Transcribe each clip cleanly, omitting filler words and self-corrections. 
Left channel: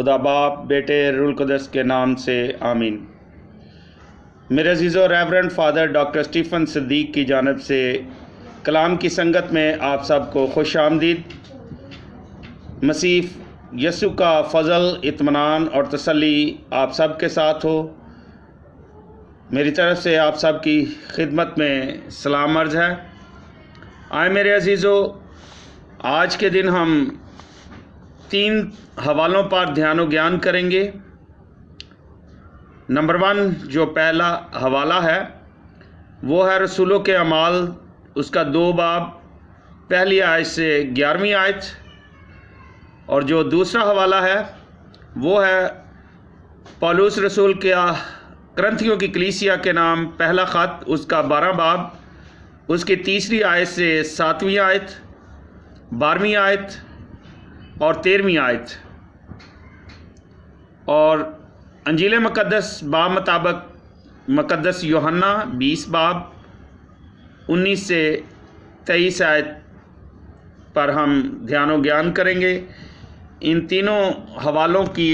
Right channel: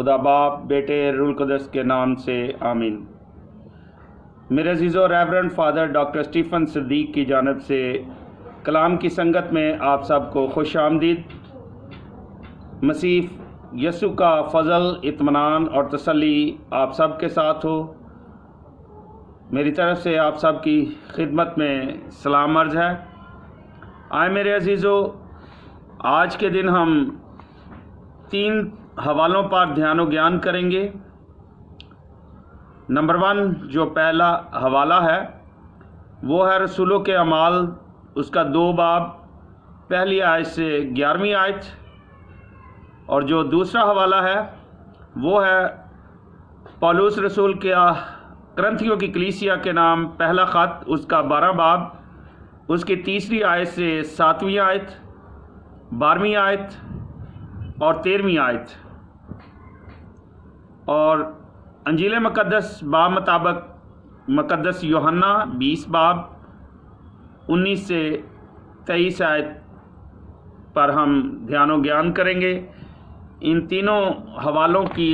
खुदा बाप बेटे रूल कुदस के नाम से आमीन। मेरे अजीज़ो reverend father doctor Stephen Siddiq की जानिब से कलाम की संगत में आप सबको खुश आमदीद। मसीह यसु का फ़ज़ल, इत्मीनान और तसल्ली आप सब के साथ हो। मेरी तरफ़ से आप सब की खिदमत में सलाम अर्ज़ है। आए मेरे अजीज़ो, आज के दिन हम 3 हवालों पर ध्यान और ज्ञान करेंगे। नंबर 1 जो पहला हवाला है वो है रसूलों के अमाल, उसका 2 बाब, पहली आयत से 11वीं आयत। और जो दूसरा हवाला है वो है पौलुस रसूल के करंथियों की कलीसिया के नाम पहला ख़त, उसका 12 बाब, उसकी 3री आयत से 7वीं आयत, 12वीं आयत और 13वीं आयत। और अंजील मुक़द्दस बाब मुताबिक मुक़द्दस यूहन्ना 20 बाब 19 से 23 आयत पर हम ध्यान और ज्ञान करेंगे। इन तीनों हवालों की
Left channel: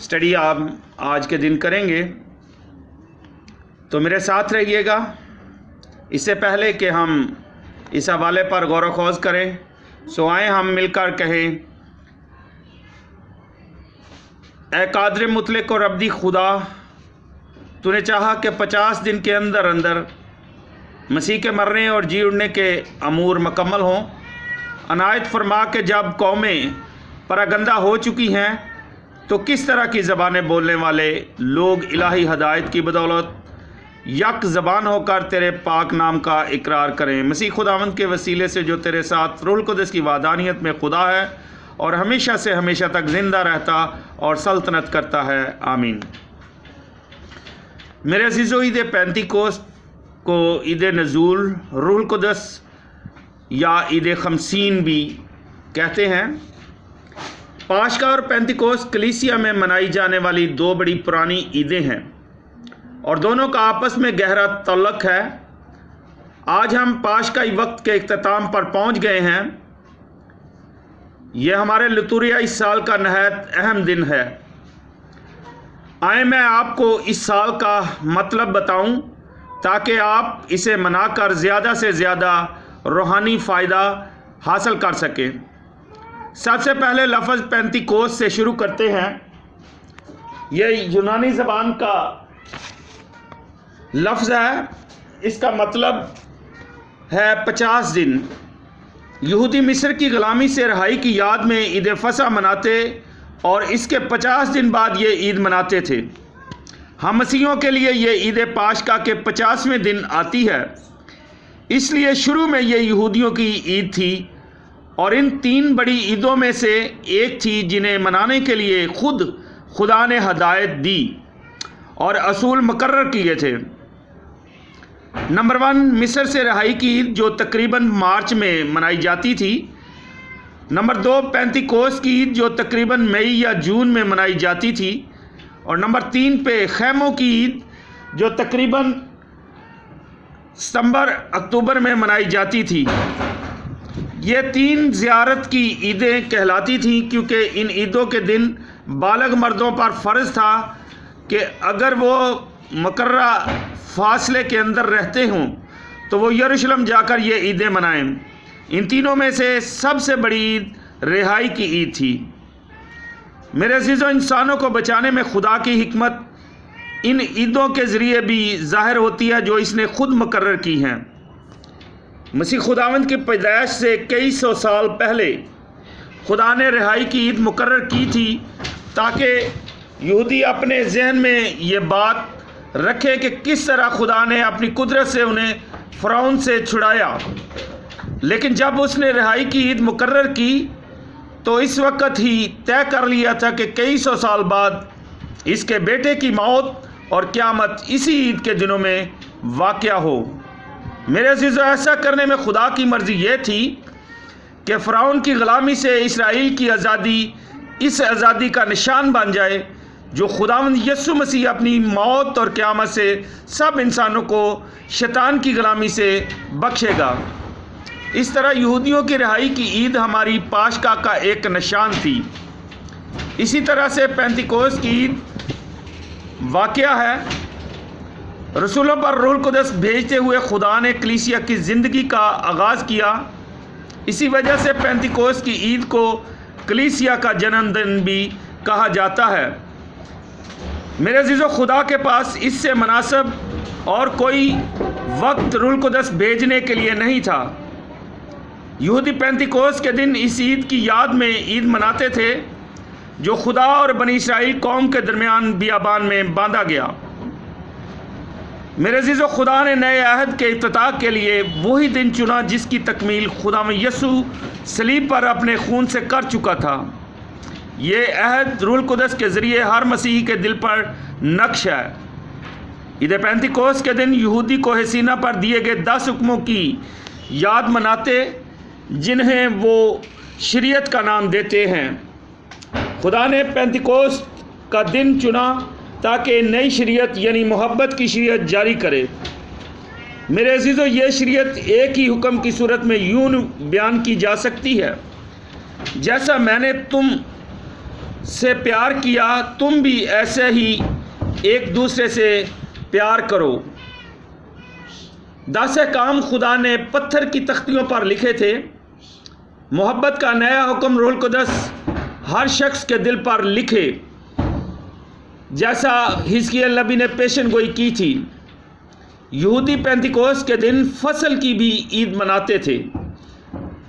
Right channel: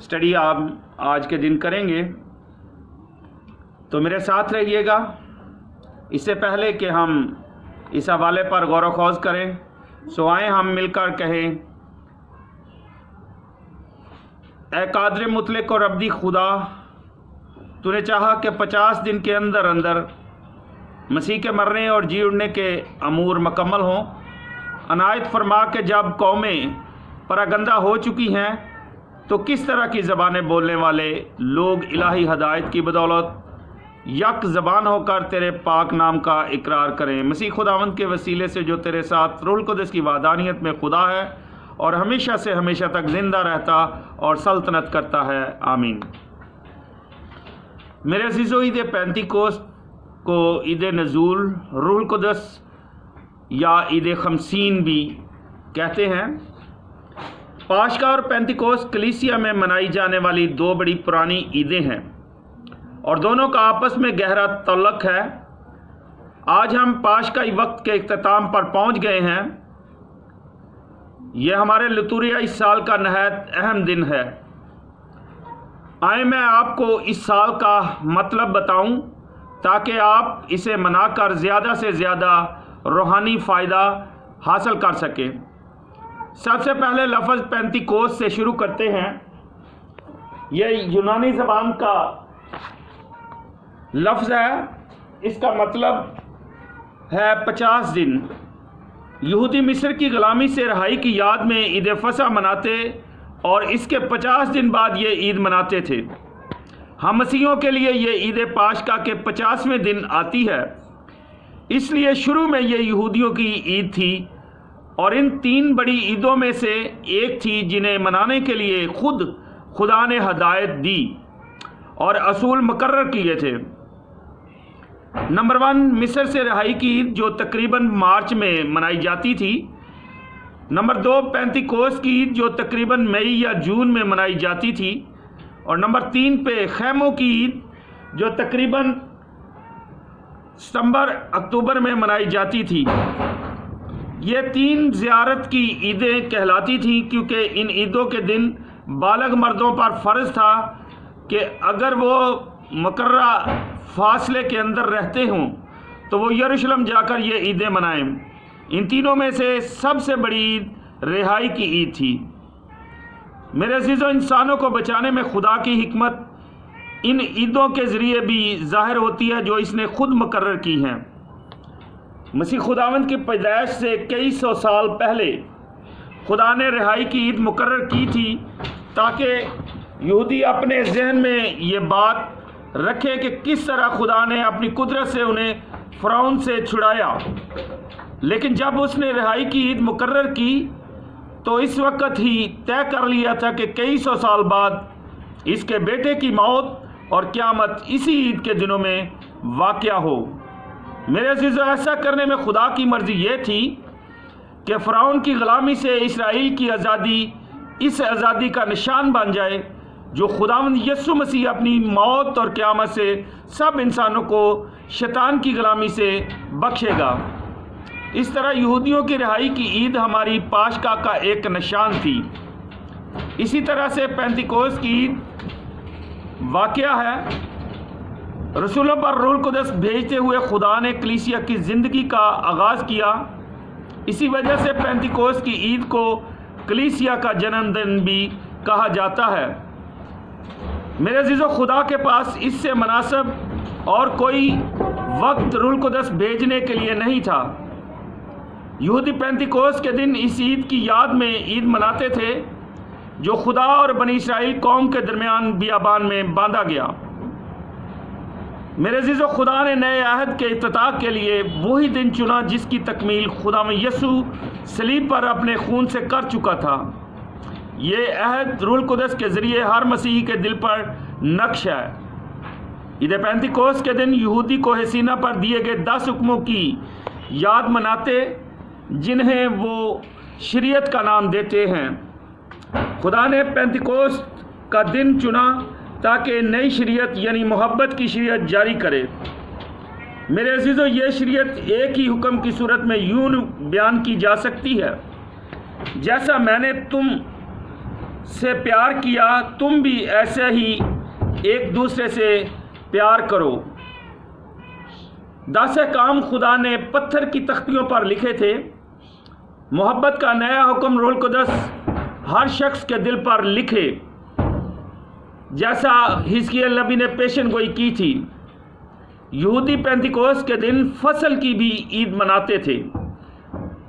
स्टडी आप आज के दिन करेंगे, तो मेरे साथ रहिएगा। इससे पहले कि हम इस हवाले पर गौर व खोज करें, सो आए हम मिलकर कहें, ए कादर मुतलक और अब्दी खुदा, तूने चाहा कि 50 दिन के अंदर अंदर मसीह के मरने और जी उठने के अमूर मुकम्मल हों। अनायत फरमा के जब कौमें परागंदा हो चुकी हैं तो किस तरह की ज़बानें बोलने वाले लोग इलाही हदायत की बदौलत यक ज़बान होकर तेरे पाक नाम का इकरार करें। मसीह खुदावंद के वसीले से जो तेरे साथ रूहुल कुदस की वादानियत में खुदा है और हमेशा से हमेशा तक ज़िंदा रहता और सल्तनत करता है, आमीन। मेरे अज़ीज़ो, ईद पेंतिकोस्त को ईद नज़ूल, रूहुल कुदस या ईद खमसीन भी कहते हैं। पाशका और पेंतिकोस्त कलीसिया में मनाई जाने वाली 2 बड़ी पुरानी ईदें हैं और दोनों का आपस में गहरा तल्लुक़ है। आज हम पाशकाई वक्त के इख्तिताम पर पहुंच गए हैं। यह हमारे लतूरिया इस साल का नहायत अहम दिन है। आए मैं आपको इस साल का मतलब बताऊं ताकि आप इसे मनाकर ज़्यादा से ज़्यादा रूहानी फ़ायदा हासिल कर सकें। सबसे पहले लफ्ज़ पेंतिकोस्त से शुरू करते हैं। यह यूनानी ज़बान का लफ्ज़ है। इसका मतलब है 50 दिन। यहूदी मिस्र की ग़ुलामी से रहाई की याद में ईद फसह मनाते और इसके 50 दिन बाद ये ईद मनाते थे। हम मसीहियों के लिए ये ईद पाशका के 50वें दिन आती है, इसलिए शुरू में ये यहूदियों की ईद थी और इन 3 बड़ी ईदों में से एक थी जिन्हें मनाने के लिए खुद खुदा ने हदायत दी और असूल मुकर्रर किए थे। नंबर 1 मिस्र से रहाई की ईद जो तकरीबन मार्च में मनाई जाती थी। नंबर 2 पेंतिकोस्त की ईद जो तकरीबन मई या जून में मनाई जाती थी। और नंबर 3 पे खैमों की ईद जो तकरीबन सितंबर अक्टूबर में मनाई जाती थी। ये 3 ज़ियारत की ईदें कहलाती थीं क्योंकि इन ईदों के दिन बालग मर्दों पर फ़र्ज़ था कि अगर वो मुकर्ररा फासले के अंदर रहते हों तो वो यरूशलेम जाकर ये ईदें मनाएं। इन तीनों में से सबसे बड़ी ईद रिहाई की ईद थी। मेरे अज़ीज़ों, इंसानों को बचाने में खुदा की हिकमत इन ईदों के ज़रिए भी ज़ाहिर होती है जो इसने खुद मुकर्रर की हैं। मसीह खुदावंद की पैदाइश से कई सौ साल पहले खुदा ने रिहाई की ईद मुकर्रर की थी ताकि यहूदी अपने जहन में ये बात रखे कि किस तरह खुदा ने अपनी कुदरत से उन्हें फ़िरौन से छुड़ाया। लेकिन जब उसने रिहाई की ईद मुकर्रर की तो इस वक्त ही तय कर लिया था कि कई सौ साल बाद इसके बेटे की मौत और क़यामत इसी ईद के दिनों में वाक़या हो। मेरे अज़ीज़ों, ऐसा करने में खुदा की मर्ज़ी ये थी कि फ़िरौन की ग़ुलामी से इसराइल की आज़ादी इस आज़ादी का निशान बन जाए जो खुदावंद यसु मसीह अपनी मौत और क़यामत से सब इंसानों को शैतान की ग़ुलामी से बख्शेगा। इस तरह यहूदियों की रिहाई की ईद हमारी पाशका का एक निशान थी। اسی طرح سے پینتیکوس کی عید واقعہ ہے۔ رسولوں پر روح القدس بھیجتے ہوئے خدا نے کلیسیا کی زندگی کا آغاز کیا۔ اسی وجہ سے پینتیکوس کی عید کو کلیسیا کا جنم دن بھی کہا جاتا ہے۔ میرے عزیزو، خدا کے پاس اس سے مناسب اور کوئی وقت روح القدس بھیجنے کے لیے نہیں تھا۔ یہودی پینتیکوس کے دن اس عید کی یاد میں عید مناتے تھے جو خدا اور بنی اسرائیل قوم کے درمیان بیابان میں باندھا گیا۔ میرے عزیزو، خدا نے نئے عہد کے افتتاح کے لیے وہی دن چنا جس کی تکمیل خدا میں یسوع صلیب پر اپنے خون سے کر چکا تھا۔ یہ عہد روح القدس کے ذریعے ہر مسیحی کے دل پر نقش ہے۔ عید پینتیکوس کے دن یہودی کوہ سینا پر دیے گئے 10 حکموں کی یاد مناتے جنہیں وہ شریعت کا نام دیتے ہیں۔ خدا نے پینتیکوس کا دن چنا تاکہ نئی شریعت یعنی محبت کی شریعت جاری کرے۔ میرے عزیزو، یہ شریعت ایک ہی حکم کی صورت میں یوں بیان کی جا سکتی ہے: جیسا میں نے تم سے پیار کیا تم بھی ایسے ہی ایک دوسرے سے پیار کرو۔ 10 احکام خدا نے پتھر کی تختیوں پر لکھے تھے۔ محبت کا نیا حکم روح القدس ہر شخص کے دل پر لکھے، جیسا حزقیل نبی نے پیشن گوئی کی تھی۔ یہودی پینتیکوس کے دن فصل کی بھی عید مناتے تھے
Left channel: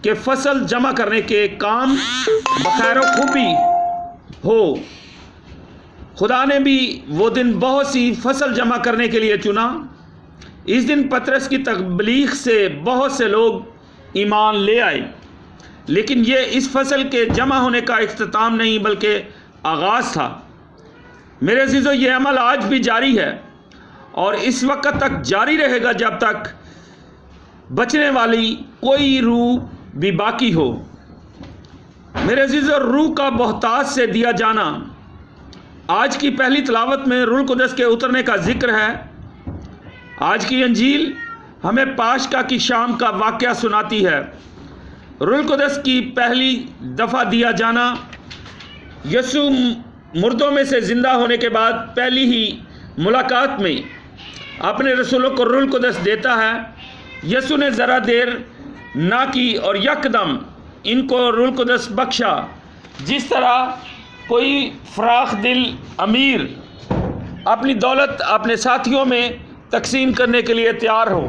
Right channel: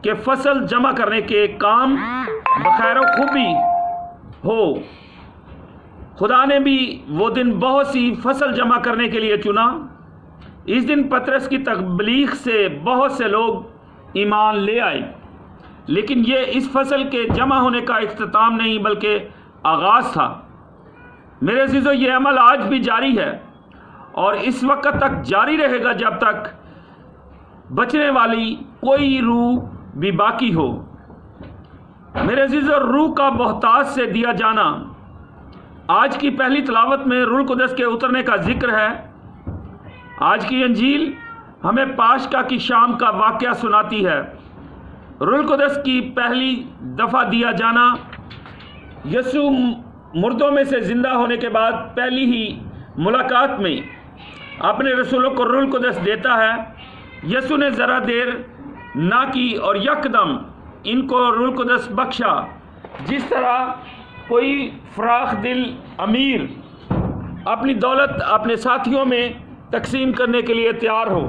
کہ فصل جمع کرنے کے کام بخیر و خوبی ہو۔ خدا نے بھی وہ دن بہت سی فصل جمع کرنے کے لیے چنا۔ اس دن پطرس کی تبلیغ سے بہت سے لوگ ایمان لے آئے، لیکن یہ اس فصل کے جمع ہونے کا اختتام نہیں بلکہ آغاز تھا۔ میرے عزیزو، یہ عمل آج بھی جاری ہے اور اس وقت تک جاری رہے گا جب تک بچنے والی کوئی روح بھی باقی ہو۔ میرے عزیزو، روح کا بہتات سے دیا جانا۔ آج کی پہلی تلاوت میں روح القدس کے اترنے کا ذکر ہے۔ آج کی انجیل ہمیں پاشکا کی شام کا واقعہ سناتی ہے۔ روح القدس کی پہلی دفعہ دیا جانا۔ یسوع مردوں میں سے زندہ ہونے کے بعد پہلی ہی ملاقات میں اپنے رسولوں کو روح القدس دیتا ہے۔ یسوع نے ذرا دیر نہ کی اور یکدم ان کو روح القدس بخشا، جس طرح کوئی فراخ دل امیر اپنی دولت اپنے ساتھیوں میں تقسیم کرنے کے لیے تیار ہو۔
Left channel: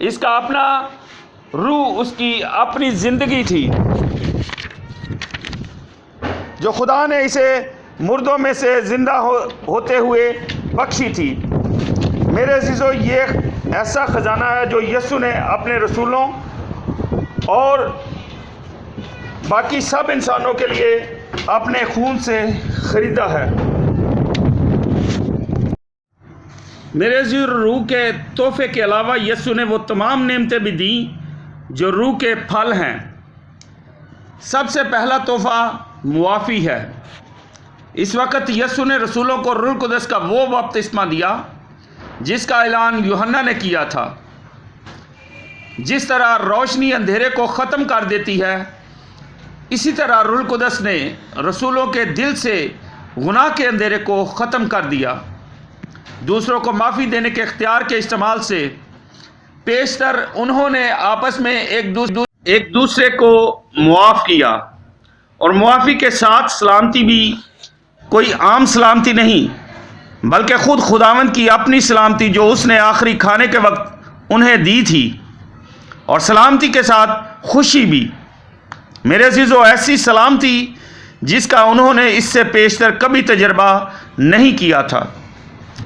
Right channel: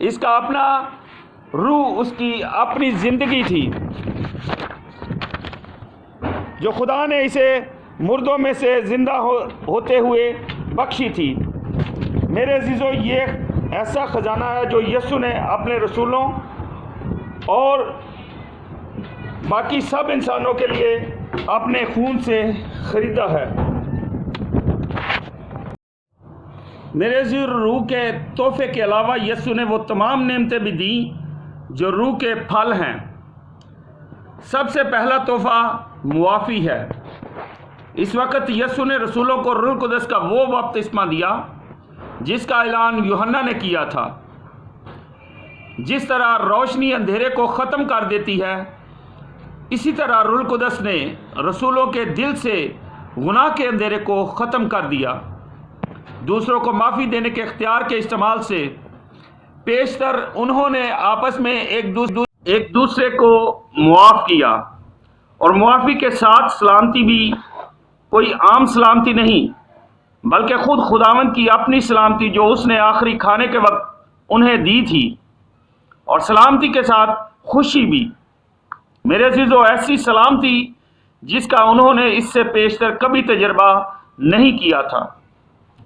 اس کا اپنا روح اس کی اپنی زندگی تھی جو خدا نے اسے مردوں میں سے زندہ ہوتے ہوئے بخشی تھی۔ میرے عزیزو، یہ ایسا خزانہ ہے جو یسوع نے اپنے رسولوں اور باقی سب انسانوں کے لیے اپنے خون سے خریدا ہے۔ میرے عزیز، روح کے تحفے کے علاوہ یسوع نے وہ تمام نعمتیں بھی دیں جو روح کے پھل ہیں۔ سب سے پہلا تحفہ معافی ہے۔ اس وقت یسوع نے رسولوں کو روح القدس کا وہ بپتسمہ دیا جس کا اعلان یوحنا نے کیا تھا۔ جس طرح روشنی اندھیرے کو ختم کر دیتی ہے، اسی طرح روح القدس نے رسولوں کے دل سے گناہ کے اندھیرے کو ختم کر دیا۔ دوسروں کو معافی دینے کے اختیار کے استعمال سے پیشتر انہوں نے آپس میں ایک دوسرے کو معاف کیا، اور معافی کے ساتھ سلامتی بھی کوئی عام سلامتی نہیں بلکہ خود خداوند کی اپنی سلامتی جو اس نے آخری کھانے کے وقت انہیں دی تھی، اور سلامتی کے ساتھ خوشی بھی۔ میرے عزیزو، ایسی سلامتی جس کا انہوں نے اس سے پیشتر کبھی تجربہ نہیں کیا تھا۔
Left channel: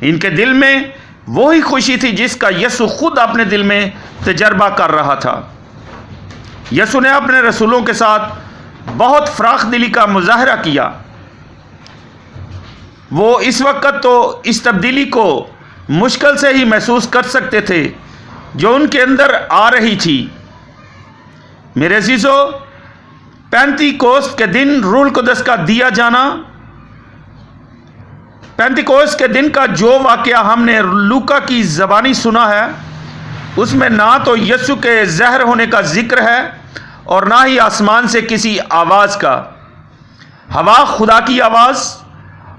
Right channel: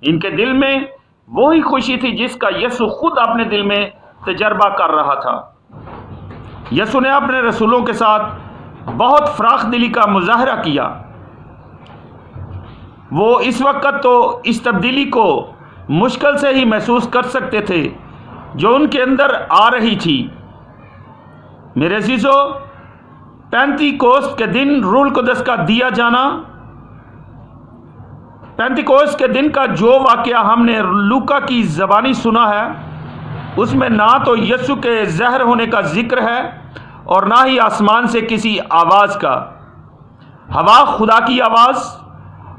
ان کے دل میں وہی خوشی تھی جس کا یسوع خود اپنے دل میں تجربہ کر رہا تھا۔ یسوع نے اپنے رسولوں کے ساتھ بہت فراخ دلی کا مظاہرہ کیا۔ وہ اس وقت تو اس تبدیلی کو مشکل سے ہی محسوس کر سکتے تھے جو ان کے اندر آ رہی تھی۔ میرے عزیزو، پینتیکوست کے دن روح القدس کا دیا جانا، پینتیکوست کے دن کا جو واقعہ ہم نے لوکا کی زبانی سنا ہے، اس میں نہ تو یسوع کے ظاہر ہونے کا ذکر ہے اور نہ ہی آسمان سے کسی آواز کا۔ ہوا خدا کی آواز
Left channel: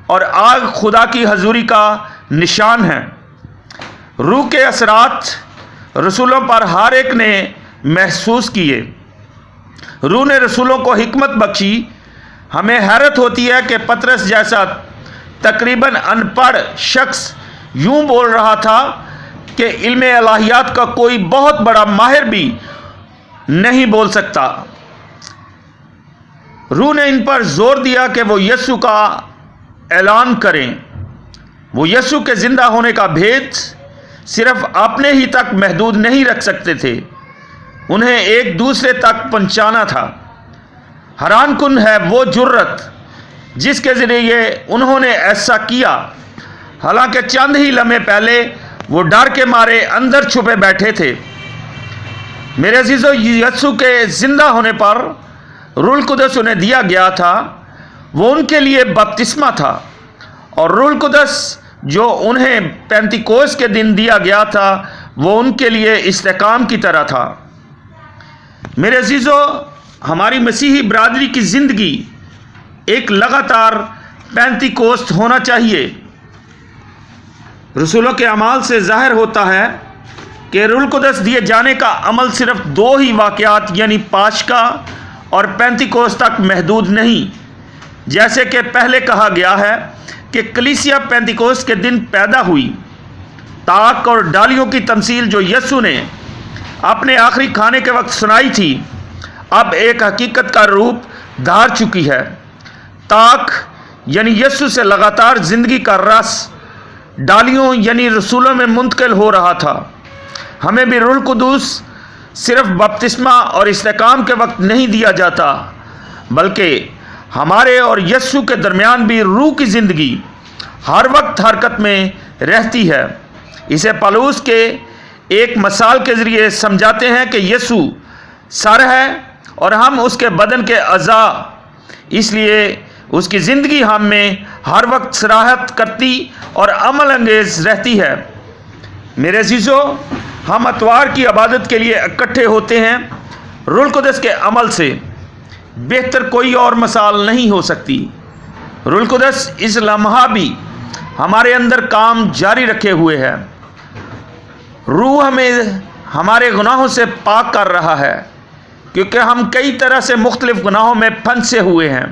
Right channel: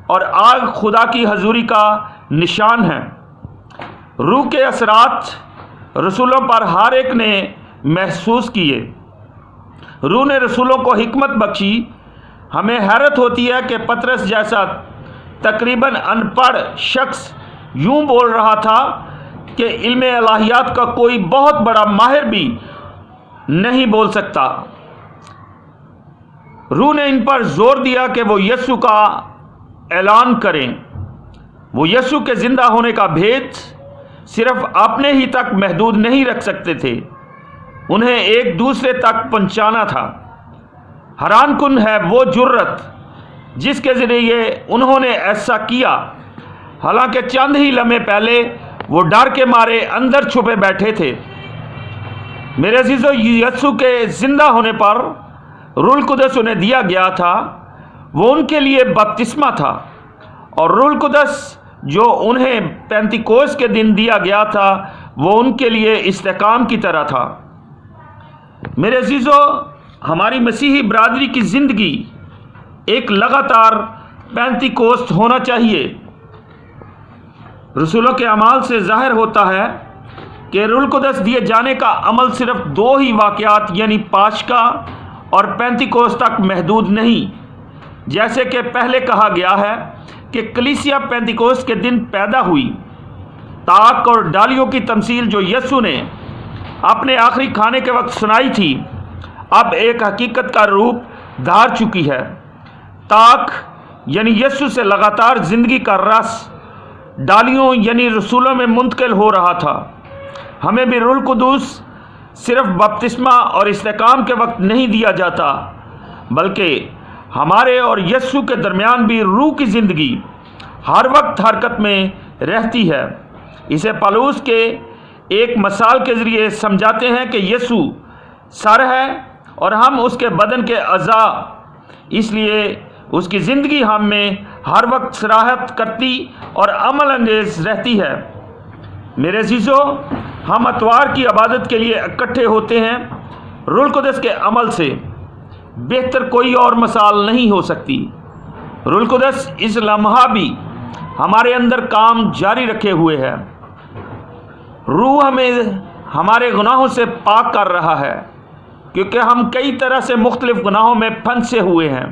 اور آگ خدا کی حضوری کا نشان ہے۔ روح کے اثرات رسولوں پر ہر ایک نے محسوس کیے۔ روح نے رسولوں کو حکمت بخشی۔ ہمیں حیرت ہوتی ہے کہ پطرس جیسا تقریباً ان پڑھ شخص یوں بول رہا تھا کہ علم الہیات کا کوئی بہت بڑا ماہر بھی نہیں بول سکتا۔ روح نے ان پر زور دیا کہ وہ یسوع کا اعلان کریں۔ وہ یسوع کے زندہ ہونے کا بھید صرف اپنے ہی تک محدود نہیں رکھ سکتے تھے، انہیں ایک دوسرے تک پہنچانا تھا۔ حیران کن ہے وہ جرت جس کے ذریعے انہوں نے ایسا کیا، حالانکہ چند ہی لمحے پہلے وہ ڈر کے مارے اندر چھپے بیٹھے تھے۔ میرے عزیزو، یسوع کے زندہ ہونے پر روح القدس انہیں دیا گیا تھا۔ وہ ان کے لیے بپتسمہ تھا، اور روح القدس جو انہیں پینتیکوست کے دن دیا گیا تھا وہ ان کے لیے استحکام کی طرح تھا۔ میرے عزیزو، ہماری مسیحی برادری کی زندگی ایک لگاتار پینتیکوست ہونا چاہیے۔ رسولوں کے اعمال سے ظاہر ہوتا ہے کہ روح القدس دیے جانے کا عمل صرف دو ہی واقعات یعنی پاشکا اور پینتیکوست تک محدود نہیں، جیسے کہ پہلے کہا گیا ہے کہ کلیسیا پینتیکوست کے دن پیدا ہوئی۔ تاک اور ڈالیوں کی تمثیل جو یسوع نے اپنے آخری کھانے کے وقت سنائی تھی، اب ایک حقیقت کا روپ دھار چکی ہے۔ تاک یعنی یسوع سے لگاتار زندگی کا رس ڈالیوں یعنی رسولوں میں منتقل ہو رہا تھا۔ ہمیں بھی روح القدس صرف بپتسمہ اور استحکام کے وقت نہیں دیا جاتا، بلکہ ہمارے اور یسوع کے درمیان بھی روح کی زندگی ہر وقت حرکت میں رہتی ہے۔ اسے پالوس کے ایک مثال کے ذریعے سمجھاتے ہیں کہ یسوع سر ہے اور ہم اس کے بدن کے اعضاء، اس لیے اس کی زندگی ہم میں ہر وقت صراحت کرتی اور عمل انگیز رہتی ہے۔ میرے عزیزو، ہم اتوار کی عبادت کے لیے اکٹھے ہوتے ہیں۔ روح القدس کے عمل سے بہتر کوئی اور مثال نہیں ہو سکتی۔ روح القدس اس لمحہ بھی ہمارے اندر کام جاری رکھے ہوئے ہے۔ روح ہمیں ہمارے گناہوں سے پاک کر رہا ہے، کیونکہ ہم کئی طرح سے مختلف گناہوں میں پھنسے ہوئے ہیں۔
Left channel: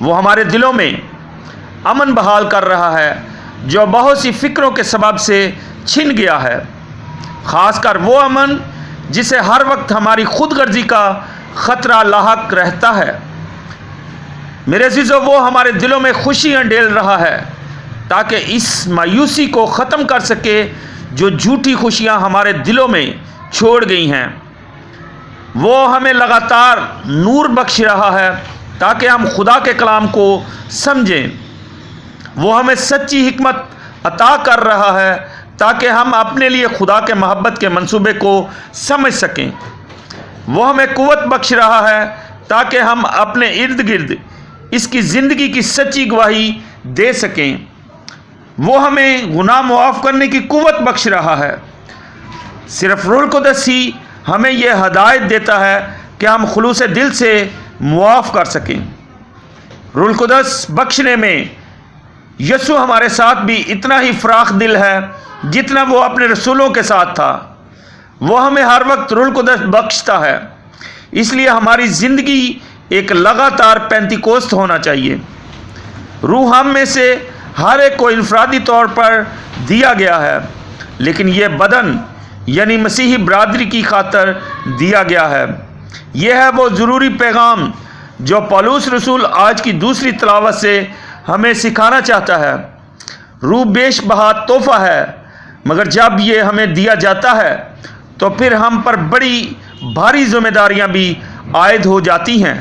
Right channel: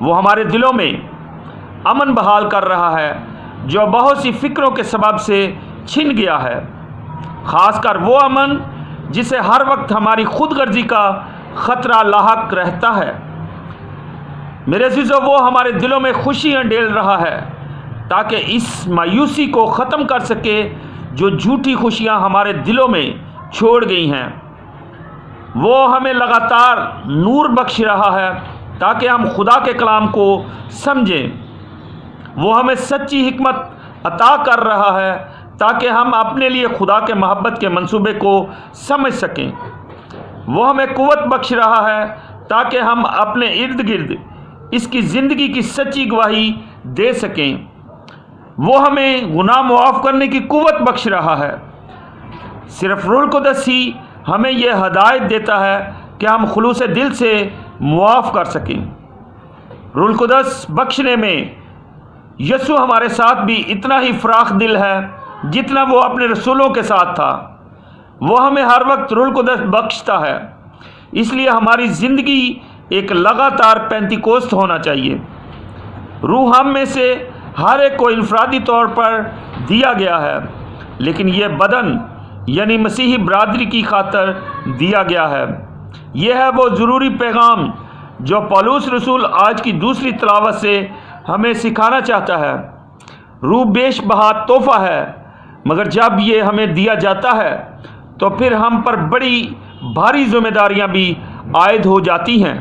وہ ہمارے دلوں میں امن بحال کر رہا ہے جو بہت سی فکروں کے سبب سے چھن گیا ہے، خاص کر وہ امن جسے ہر وقت ہماری خود غرضی کا خطرہ لاحق رہتا ہے۔ میرے عزیزو، وہ ہمارے دلوں میں خوشیاں ڈال رہا ہے تاکہ اس مایوسی کو ختم کر سکے جو جھوٹی خوشیاں ہمارے دلوں میں چھوڑ گئی ہیں۔ وہ ہمیں لگاتار نور بخش رہا ہے تاکہ ہم خدا کے کلام کو سمجھیں۔ وہ ہمیں سچی حکمت عطا کر رہا ہے تاکہ ہم اپنے لیے خدا کے محبت کے منصوبے کو سمجھ سکیں۔ وہ ہمیں قوت بخش رہا ہے تاکہ ہم اپنے ارد گرد اس کی زندگی کی سچی گواہی دے سکیں۔ وہ ہمیں گناہ معاف کرنے کی قوت بخش رہا ہے۔ صرف روح القدس ہی ہمیں یہ ہدایت دیتا ہے کہ ہم خلوص دل سے معاف کر سکیں۔ روح القدس بخشنے میں یسوع ہمارے ساتھ بھی اتنا ہی فراخ دل ہے جتنا وہ اپنے رسولوں کے ساتھ تھا۔ وہ ہمیں ہر وقت روح القدس بخشتا ہے، اس لیے ہماری زندگی ایک لگاتار پینتیکوست ہونا چاہیے۔ روح ہم میں سے ہر ایک کو انفرادی طور پر دیا گیا ہے، لیکن یہ بدن یعنی مسیحی برادری کی خاطر دیا گیا ہے۔ یہ ہے وہ ضروری پیغام جو پولس رسول آج کی دوسری تلاوت سے ہمیں سکھانا چاہتا ہے۔ روح بیش بہا تحفہ ہے، مگر جب یہ ہمیں دیا جاتا ہے تو پھر ہم پر بڑی بھاری ذمہ داریاں بھی عائد ہو جاتی ہیں۔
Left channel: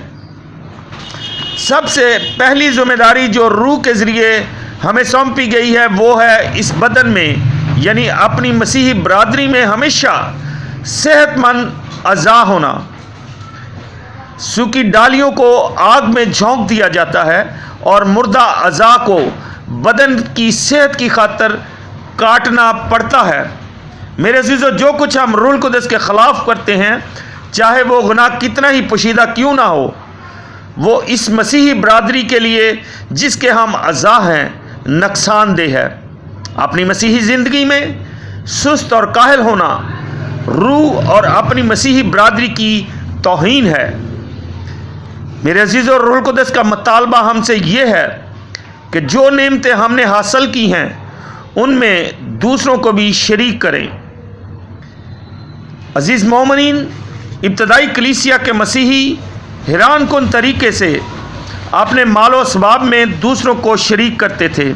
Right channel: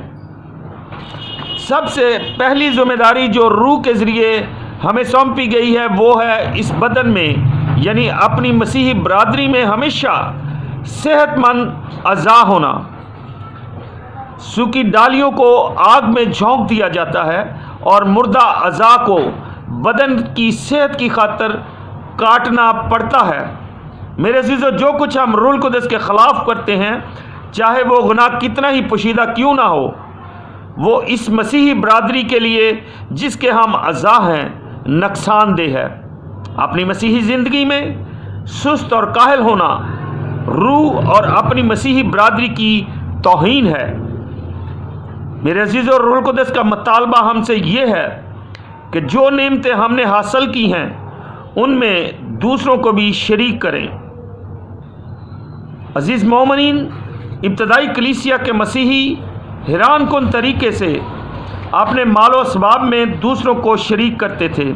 سب سے پہلی ذمہ داری جو روح کے ذریعے ہمیں سونپی گئی ہے وہ ہے اس بدن میں یعنی اپنی مسیحی برادری میں ہمیشہ صحت مند اعضاء ہونا۔ سوکھی ڈالیوں کو آگ میں جھونک دیا جاتا ہے اور مردہ اعضاء کو بدن کی صحت کی خاطر کاٹنا پڑتا ہے۔ میرے عزیزو، جو کچھ ہم روح القدس کے خلاف کرتے ہیں، چاہے وہ گناہ کتنا ہی پوشیدہ کیوں نہ ہو، وہ اس مسیحی برادری کے لیے جس کے ہم اعضاء ہیں نقصان دہ ہے۔ اپنی مسیحی زندگی میں سست اور کاہل ہونا روح اور اپنی مسیحی برادری کی توہین ہے۔ میرے عزیزو، روح القدس کا مطالبہ ہم سے یہ ہے کہ جو نعمتیں ہم نے حاصل کی ہیں ان میں دوسروں کو بھی شریک کریں۔ عزیز مومنین، ابتدائی کلیسیا کے مسیحی حیران کن طریقے سے اپنے مال و اسباب میں دوسروں کو شریک کرتے تھے۔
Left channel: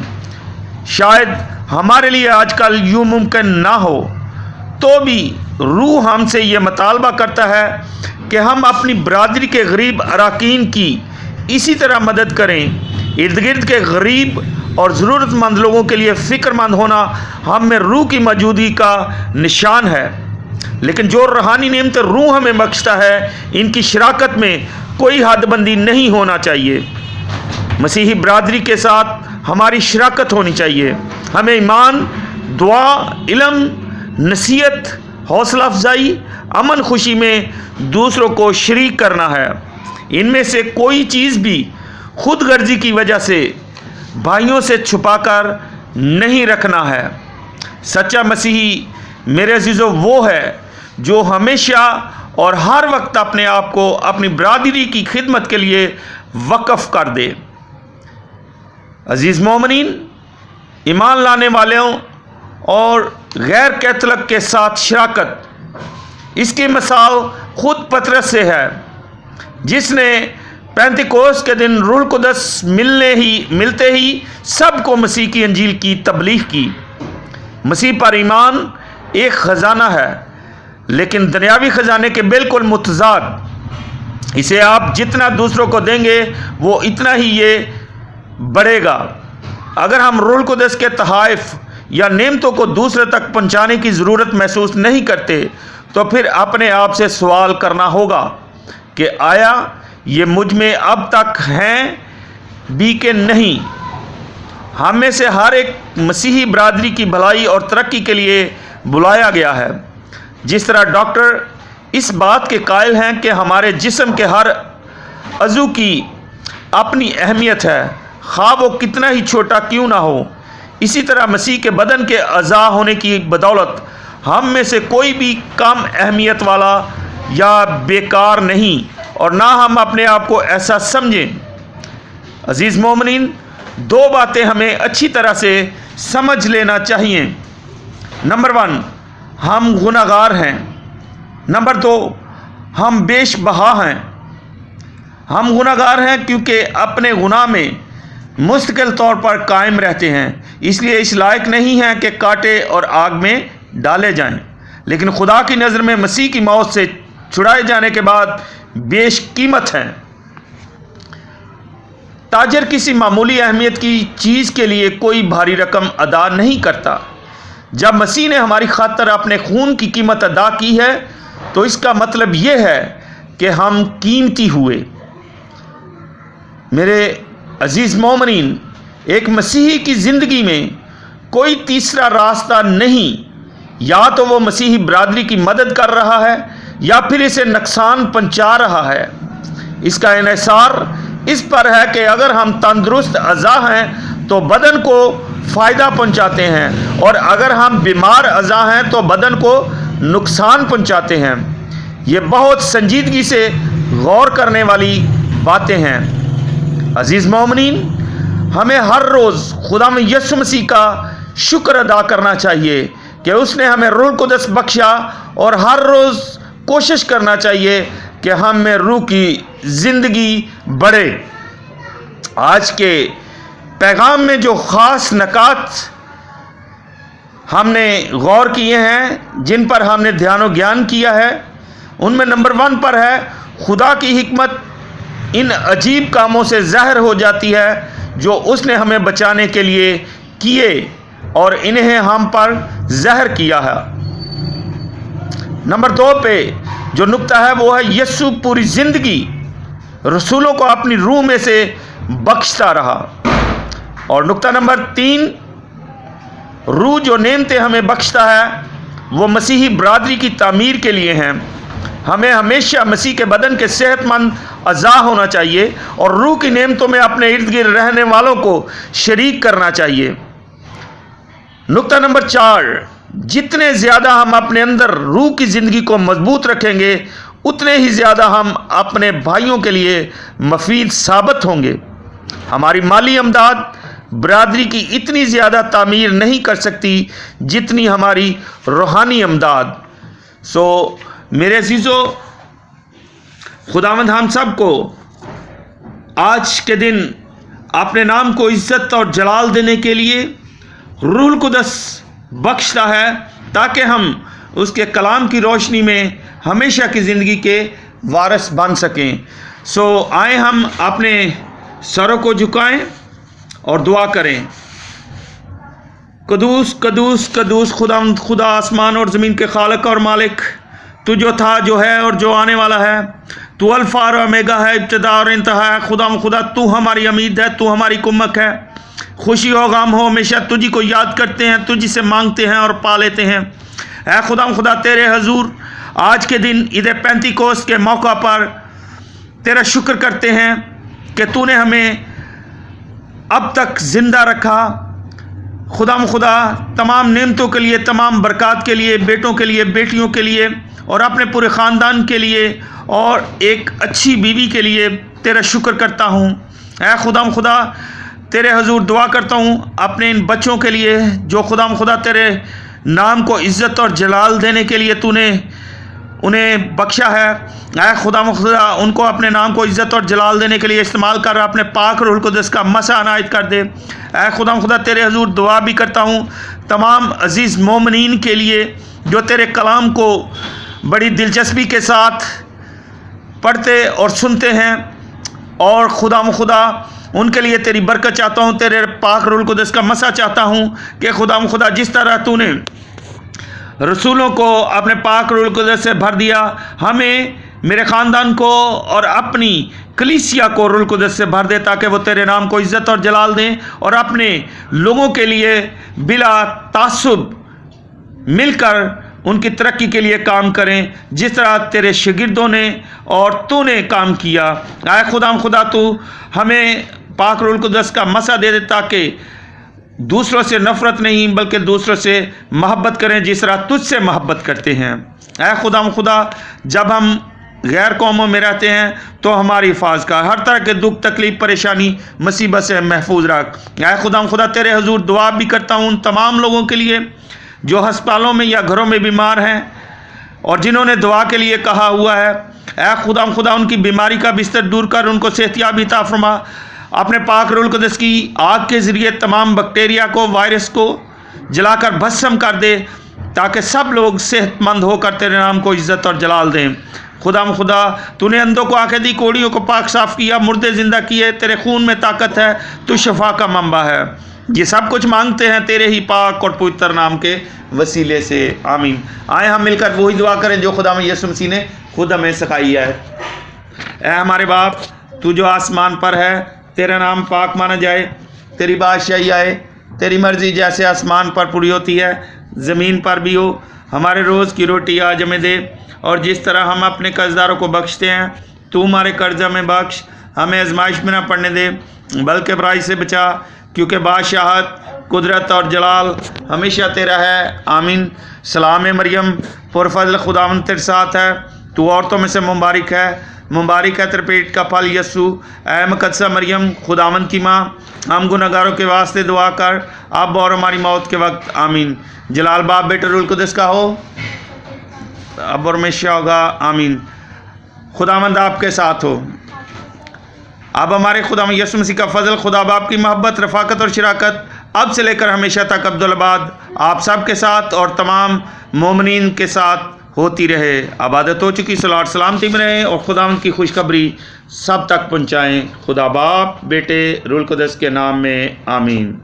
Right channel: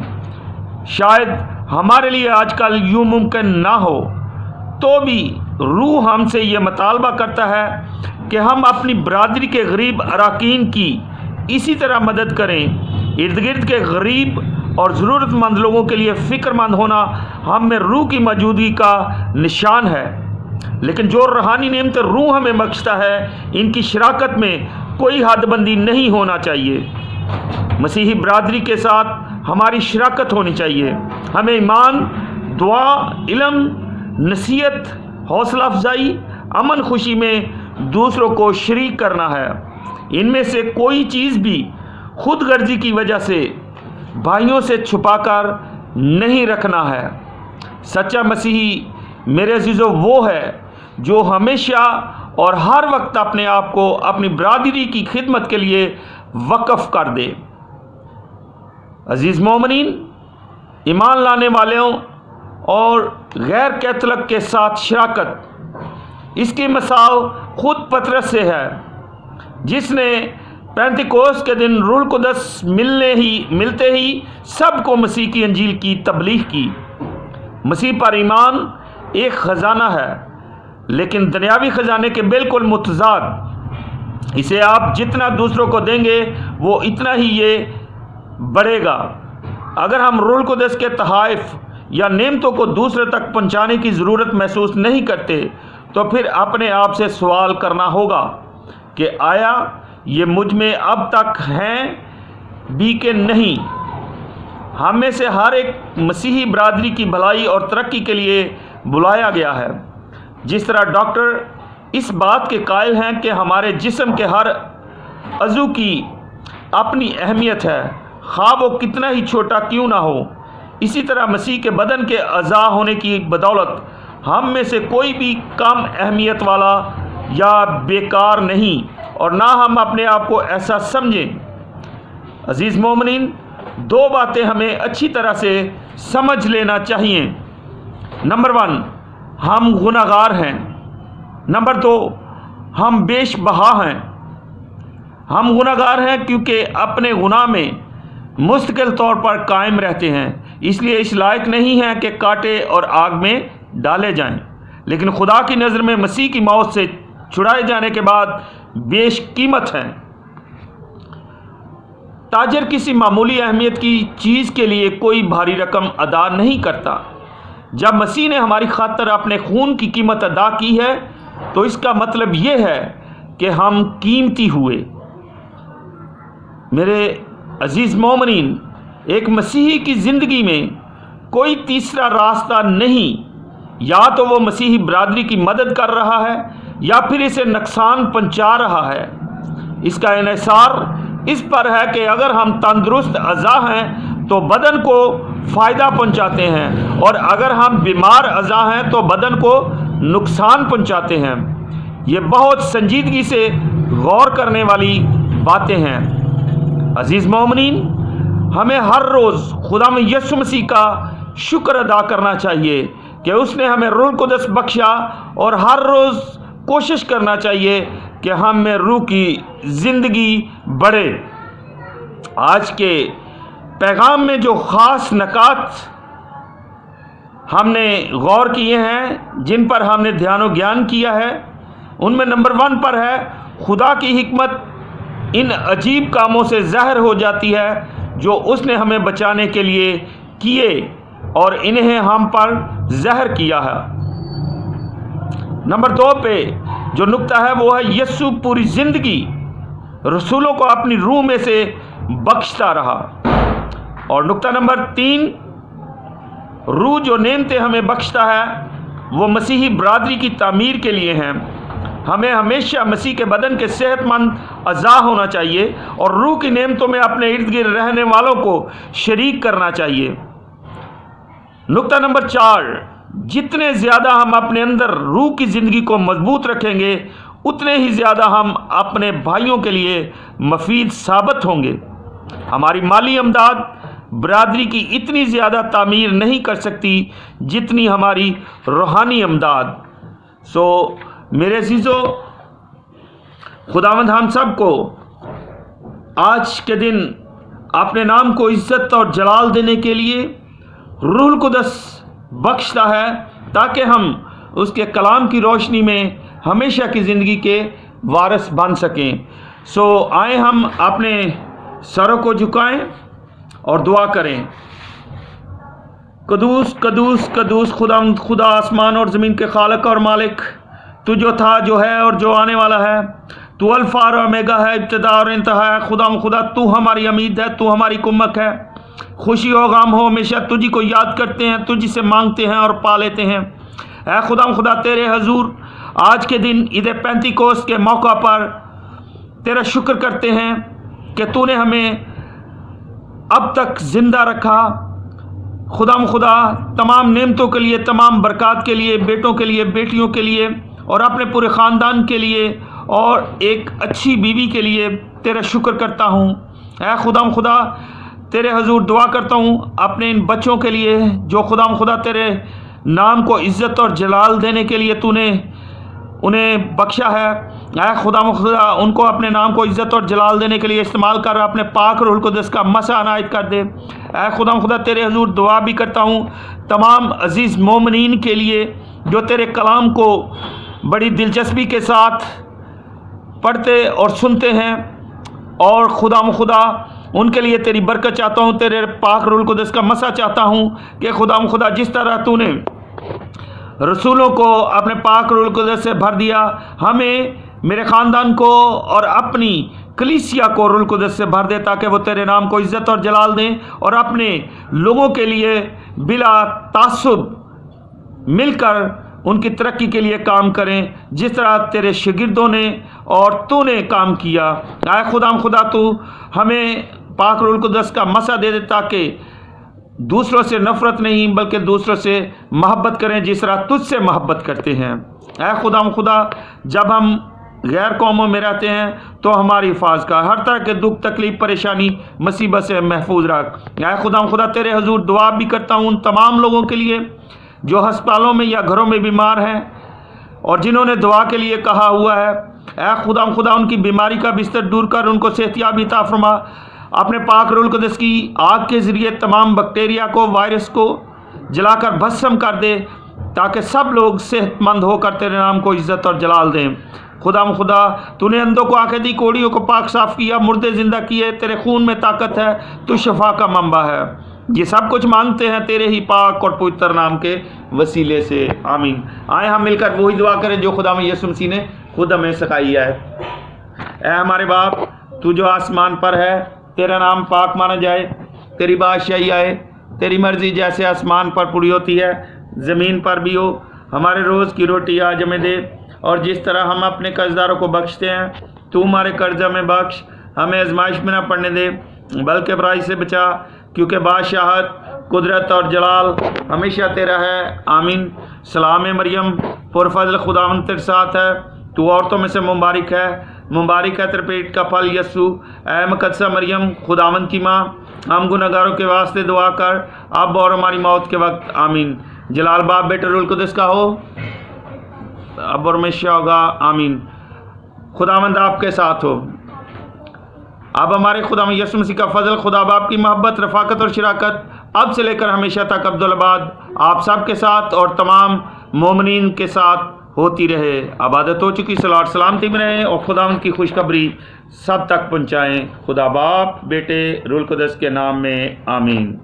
شاید ہمارے لیے آج کل یوں ممکن نہ ہو، تو بھی روح ہم سے یہ مطالبہ کرتا ہے کہ ہم اپنی برادری کے غریب اراکین کی اسی طرح مدد کریں۔ ارد گرد کے غریب اور ضرورت مند لوگوں کے لیے فکر مند ہونا ہم میں روح کی موجودگی کا نشان ہے۔ لیکن جو روحانی نعمتیں روح ہمیں بخشتا ہے ان کی شراکت میں کوئی حد بندی نہیں ہونا چاہیے۔ مسیحی برادری کے ساتھ ہماری شراکت ہونی چاہیے۔ ہمیں ایمان، دعا، علم، نصیحت، حوصلہ افزائی، امن خوشی میں دوسروں کو شریک کرنا ہے۔ ان میں سے کوئی چیز بھی خود غرضی کی وجہ سے بھائیوں سے چھپا کر نہیں رکھنا ہے۔ سچا مسیحی میرے عزیزو وہ ہے جو ہمیشہ اور ہر وقت اپنے آپ کو اپنی برادری کی خدمت کے لیے وقف کر دے۔ عزیز مومنین، ایمان لانے والوں اور غیر کیتھولک کے ساتھ شراکت، اس کی مثال خود پطرس سے ہے، جس نے پینتیکوست کے دن روح القدس ملتے ہی سب کو مسیح کی انجیل کی تبلیغ کی۔ مسیح پر ایمان ایک خزانہ ہے، لیکن دنیاوی خزانے کے بالکل متضاد۔ اسے آپ جتنا دوسروں کو دیں گے وہ اتنا ہی یہ بڑھے گا۔ اگر ہم روح القدس کے تحائف یا نعمتوں کو دوسرے تک پہنچانے کی ضرورت محسوس نہیں کرتے تو پھر اپنے آپ سے سوال کرنا ہوگا کہ آیا یہ مجھ میں اب تک ہیں بھی کہ نہیں۔ ہم میں سے ہر ایک مسیحی برادری کی بھلائی اور ترقی کے لیے بلایا گیا ہے۔ جس طرح ڈاکٹر اس بات کے قائل ہیں کہ ہمارے جسم کے ہر عضو کی اپنی اہمیت ہے، خواہ وہ کتنا ہی چھوٹا کیوں نہ ہو، اسی طرح مسیح کے بدن کے اعضاء ہونے کی بدولت ہم میں سے کوئی بھی کم اہمیت والا یا بیکار نہیں، اور نہ ہم اپنے آپ کو ایسا سمجھیں۔ عزیز مومنین، دو باتیں ہمیں اچھی طرح سے سمجھ لینا چاہیے۔ نمبر 1، ہم گناہگار ہیں۔ نمبر 2، ہم بیش بہا ہیں۔ ہم گناہگار ہیں کیونکہ اپنے گناہ میں مستقل طور پر قائم رہتے ہیں، اس لیے اس لائق نہیں ہیں کہ کاٹے اور آگ میں ڈالے جائیں، لیکن خدا کی نظر میں مسیح کی موت سے چھڑائے جانے کے بعد بیش قیمت ہیں۔ تاجر کسی معمولی اہمیت کی چیز کے لیے کوئی بھاری رقم ادا نہیں کرتا۔ جب مسیح نے ہماری خاطر اپنے خون کی قیمت ادا کی ہے تو اس کا مطلب یہ ہے کہ ہم قیمتی ہوئے۔ میرے عزیز مومنین، ایک مسیحی کی زندگی میں کوئی تیسرا راستہ نہیں۔ یا تو وہ مسیحی برادری کی مدد کر رہا ہے یا پھر اسے نقصان پہنچا رہا ہے۔ اس کا انحصار اس پر ہے کہ اگر ہم تندرست اعضاء ہیں تو بدن کو فائدہ پہنچاتے ہیں، اور اگر ہم بیمار اعضاء ہیں تو بدن کو نقصان پہنچاتے ہیں۔ یہ بہت سنجیدگی سے غور کرنے والی باتیں ہیں۔ عزیز مومنین، ہمیں ہر روز خدا یسوع مسیح کا شکر ادا کرنا چاہیے کہ اس نے ہمیں روح القدس بخشا، اور ہر روز کوشش کرنا چاہیے کہ ہم میں روح کی زندگی بڑھے۔ آج کے پیغام میں جو خاص نکات ہم نے غور کیے ہیں، جن پر ہم نے دھیان و گیان کیا ہے، ان میں نمبر 1 پر ہے خدا کی حکمت ان عجیب کاموں سے ظاہر ہو جاتی ہے جو اس نے ہمیں بچانے کے لیے کیے اور انہیں ہم پر ظاہر کیا ہے۔ نمبر 2 پہ جو نقطہ ہے وہ ہے یسوع پوری زندگی رسولوں کو اپنی روح میں سے بخشتا رہا۔ اور نقطہ نمبر 3، روح جو نعمتیں ہمیں بخشتا ہے وہ مسیحی برادری کی تعمیر کے لیے ہیں۔ ہمیں ہمیشہ مسیح کے بدن کے صحت مند اعضاء ہونا چاہیے اور روح کی نعمتوں میں اپنے ارد گرد رہنے والوں کو شریک کرنا چاہیے۔ نقطہ نمبر 4، جتنے زیادہ ہم اپنے اندر روح کی زندگی کو مضبوط رکھیں گے اتنے ہی زیادہ ہم اپنے بھائیوں کے لیے مفید ثابت ہوں گے۔ ہماری مالی امداد برادری کی اتنی زیادہ تعمیر نہیں کر سکتی جتنی ہماری روحانی امداد۔ میرے عزیزو، خداوند ہم سب کو آج کے دن اپنے نام کو عزت اور جلال دینے کے لیے روح القدس بخشتا ہے تاکہ ہم اس کے کلام کی روشنی میں ہمیشہ کی زندگی کے وارث بن سکیں۔ آئیں ہم اپنے سروں کو جھکائیں اور دعا کریں۔ قدوس قدوس قدوس خداوند، خدا آسمان اور زمین کے خالق اور مالک، تو جو تھا، جو ہے اور جو آنے والا ہے، تو الفا اور اومیگا ہے، ابتدا اور انتہا ہے۔ خدا تو ہماری امید ہے، تو ہماری کمک ہے۔ خوشی ہو غم ہو ہمیشہ تجھی کو یاد کرتے ہیں، تجھی سے مانگتے ہیں اور پا لیتے ہیں۔ اے خدا تیرے حضور آج کے دن عید پینتیکوست کے موقع پر تیرا شکر کرتے ہیں کہ تو نے ہمیں اب تک زندہ رکھا۔ خدا تمام نعمتوں کے لیے، تمام برکات کے لیے، بیٹوں کے لیے، بیٹیوں کے لیے اور اپنے پورے خاندان کے لیے اور ایک اچھی بیوی کے لیے تیرا شکر کرتا ہوں۔ اے خدا تیرے حضور دعا کرتا ہوں اپنے ان بچوں کے لیے جو خدا تیرے نام کو عزت اور جلال دینے کے لیے تو نے انہیں بخشا ہے۔ اے خدا ان کو اپنے نام کو عزت اور جلال دینے کے لیے استعمال کر، اپنے پاک روح القدس کا مسا عنایت کر دے۔ اے خدا تیرے حضور دعا بھی کرتا ہوں تمام عزیز مومنین کے لیے جو تیرے کلام کو بڑی دلچسپی کے ساتھ پڑھتے اور سنتے ہیں، اور خدا ان کے لیے تیری برکت چاہتا ہوں، تیرے پاک روح القدس کا مسا چاہتا ہوں کہ خدا جس طرح تو نے رسولوں کو اپنے پاک روح القدس سے بھر دیا، ہمیں، میرے خاندان کو اور اپنی کلیسیا کو روح القدس سے بھر دے تاکہ وہ تیرے نام کو عزت اور جلال دیں اور اپنے لوگوں کے لیے بلا تعصب مل کر ان کی ترقی کے لیے کام کریں جس طرح تیرے شاگردوں نے اور تو نے کام کیا۔ اے خدا تو ہمیں پاک روح القدس کا مسا دے دے تاکہ دوسروں سے نفرت نہیں بلکہ دوسروں سے محبت کریں جس طرح تجھ سے محبت کرتے ہیں۔ اے خدا جب ہم غیر قوموں میں رہتے ہیں تو ہماری حفاظت کا ہر طرح کے دکھ تکلیف پریشانی مصیبت سے محفوظ رکھ۔ اے خدا تیرے حضور دعا بھی کرتا ہوں ان تمام لوگوں کے لیے جو ہسپتالوں میں یا گھروں میں بیمار ہیں اور جنہوں نے دعا کے لیے کہا ہوا ہے۔ اے خدا ان کی بیماری کا بستر دور کر ان کو صحتیابی عطا فرما۔ اپنے پاک روح القدس کی آگ کے ذریعے تمام بیکٹیریا کو، وائرس کو جلا کر بھسم کر دے تاکہ سب لوگ صحت مند ہو کر تیرے نام کو عزت اور جلال دیں۔ خدا تو نے اندھوں کو آنکھیں دی، کوڑیوں کو پاک صاف کیا، مردے زندہ کیے، تیرے خون میں طاقت ہے، تو شفا کا منبع ہے۔ یہ سب کچھ مانگتے ہیں تیرے ہی پاک اور پوتر نام کے وسیلے سے، آمین۔ آئیں ہم مل کر وہی دعا کریں جو خدا یسوع مسیح نے خود ہمیں سکھائی ہے۔ اے ہمارے باپ، تو جو آسمان پر ہے، تیرا نام پاک مانا جائے، تیری بادشاہی آئے، تیری مرضی جیسے آسمان پر پوری ہوتی ہے زمین پر بھی ہو۔ ہمارے روز کی روٹی آج ہمیں دے، اور جس طرح ہم اپنے قرضداروں کو بخشتے ہیں تو ہمارے قرض ہمیں بخش، ہمیں آزمائش میں نہ پڑنے دے بلکہ برائی سے بچا، کیونکہ بادشاہت، قدرت اور جلال ہمیشہ تیرا ہے، آمین۔ سلام مریم، پرفضل خداوند تیرے ساتھ ہے، تو عورتوں میں سے مبارک ہے تیرے پیٹ کا پھل یسوع۔ اے مقدسہ مریم، خداوند کی ماں، ہم گنہگاروں کے واسطے دعا کر اب اور ہماری موت کے وقت، آمین۔ جلال باپ، بیٹے، روح القدس کا ہو اب اور ہمیشہ ہوگا، آمین۔ خداوند آپ کے ساتھ ہو۔ اب ہمارے خدا یسوع مسیح کا فضل، خدا باپ کی محبت، رفاقت اور شراکت اب سے لے کر ہمیشہ تک ابدالآباد آپ سب کے ساتھ اور تمام مومنین کے ساتھ ہوتی رہے۔ عبادت ہو چکی، صلوات سلامتی میں رہیں اور خداوند کی خوشخبری سب تک پہنچائیں۔ خدا باپ، بیٹے، روح القدس کے نام میں، آمین۔